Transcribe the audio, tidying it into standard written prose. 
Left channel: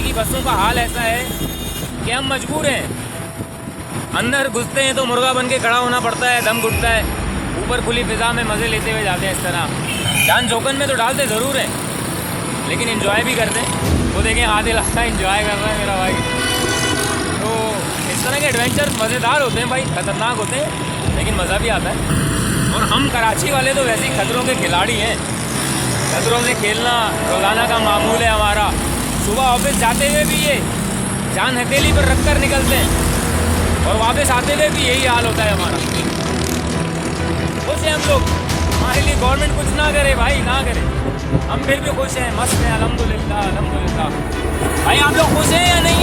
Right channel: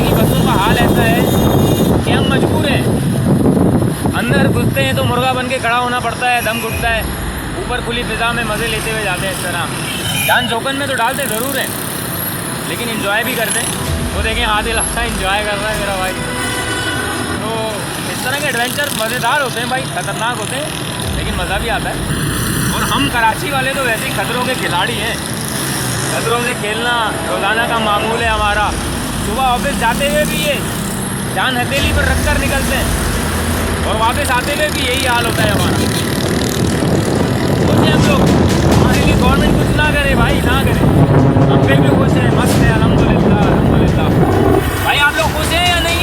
दिल्ली की बसों का हाल ऐसा है कि हम मजबूर हैं। अंदर घुसते हैं तो मुर्गा बन के खड़ा होना पड़ता है, दम घुटता है। ऊपर खुली फिजा में मज़े लेते हुए जाते हैं इस तरह। जान जोखन में तो डालते ज़रूर हैं, लेकिन इन्जॉय भी करते हैं। वो देखें आधे लगता है इन्जॉय कर रहा है मेरा भाई। तो इस तरह के एडवेंचर मज़ेदार होते हैं भाई, ख़तरनाक होते हैं, लेकिन मज़ा भी आता है। और हम कराची वाले तो वैसे ही खतरों के खिलाड़ी हैं। खतरों से खेलना रोज़ाना का मामूल है हमारा। सुबह ऑफिस जाते हुए भी ये जान हथेली पर रख कर निकलते हैं, और वापस आते हुए भी यही हाल होता है हमारा। खुश हैं हम लोग, हमारे लिए गवर्नमेंट कुछ ना करे भाई, ना करे, हम फिर भी खुश हैं, मस्त हैं, अल्हम्दुलिल्लाह अल्हम्दुलिल्लाह। भाई आप लोग खुश हैं या नहीं